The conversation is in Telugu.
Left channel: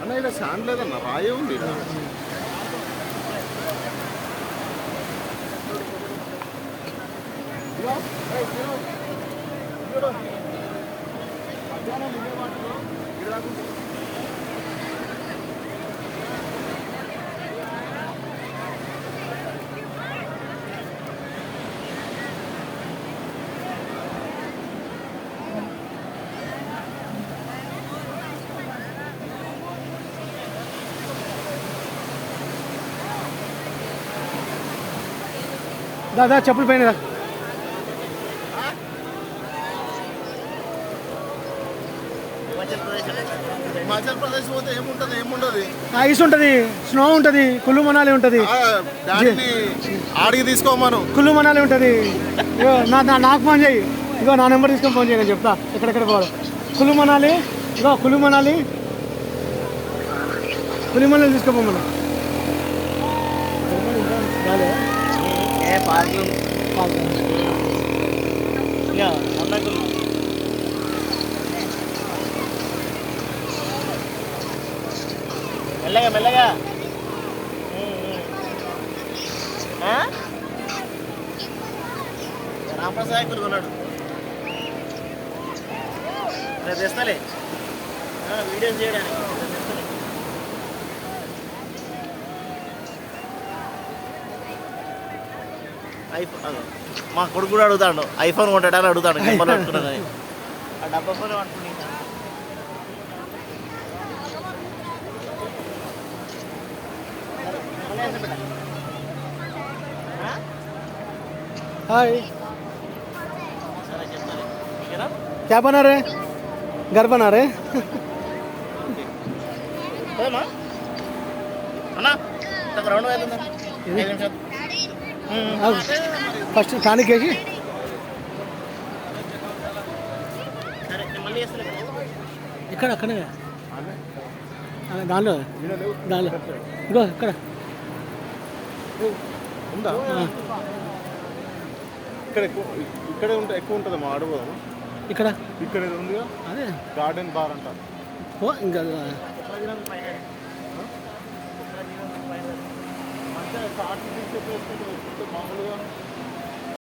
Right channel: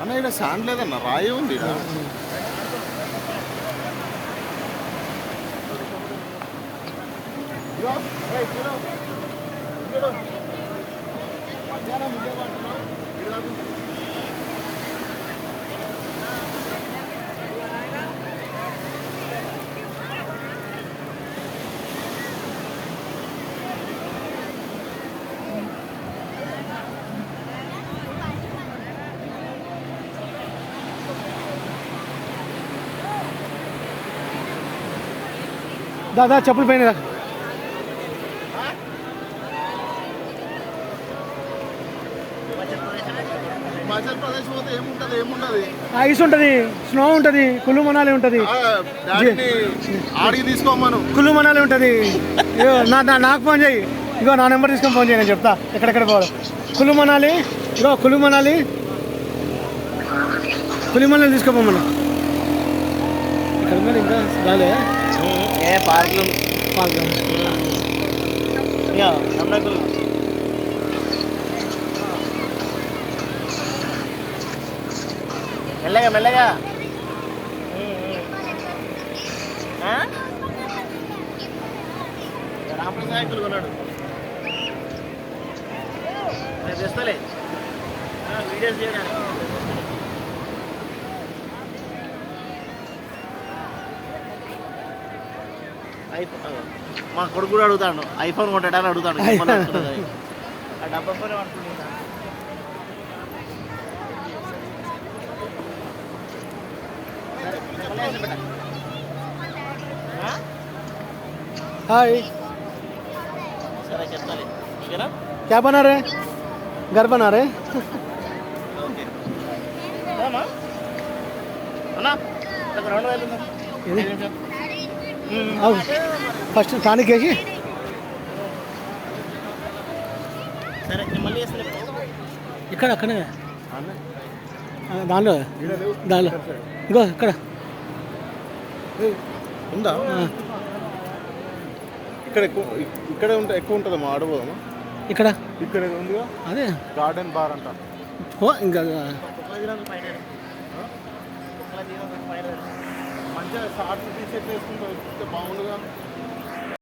అన్న ఇక్కడ శాండ్ లేదన్న రాయే ఉంది దాదా చెప్పులు పైన హిమాచల్ ప్రదేశ్ పోతే ఏముంటది ఐస్ ఉంటుంది, స్నో ఉంటుంది, కుల్లు మనాలి ఉంటుంది, ఆడికి తీసుకోమను కుల్లు మనాలి ఉంటుంది. నాకు ఫోన్ చేయి, ఇగో నా నెంబర్ తీసుకొని ఫోన్ చేయి, నేను చెప్తా ఎక్కడెక్కడ పోవాలి. కుల్లు మనాలి, ఇగో కుల్లు మనాలి తీసుకోపోమన్నా. ఇంకా రాలే మెల్లగా మెల్లగా రామప్రసాద్ కొన్నాడు తెస్తలే వీడియోస్ చేయడానికి. మా కొడుకు కూడా అడుగుతాడు, ఐఫోన్ కొంటాడని అడుగుతాడు. ఆ డబ్బా ఫోన్ అనుకుంటున్నాను. హాయ్, సరే చెప్తాను. क्या बना रहे? घर बना रहे? ఫస్ట్ టానిక్ వేసి ఇక్కడ అక్కడే దానిలో ఇంకో ఇక్కడ ఉందా? ఇక్కడ ఎక్కువ ఉంటుంది మా అడవు. ఇక్కడ ఉందిగా అదే గార్డెన్ బార్ అంట. ఇంకా మంచిగా షార్ట్ టీ షర్ట్ వేసుకుంటే మామూలుగా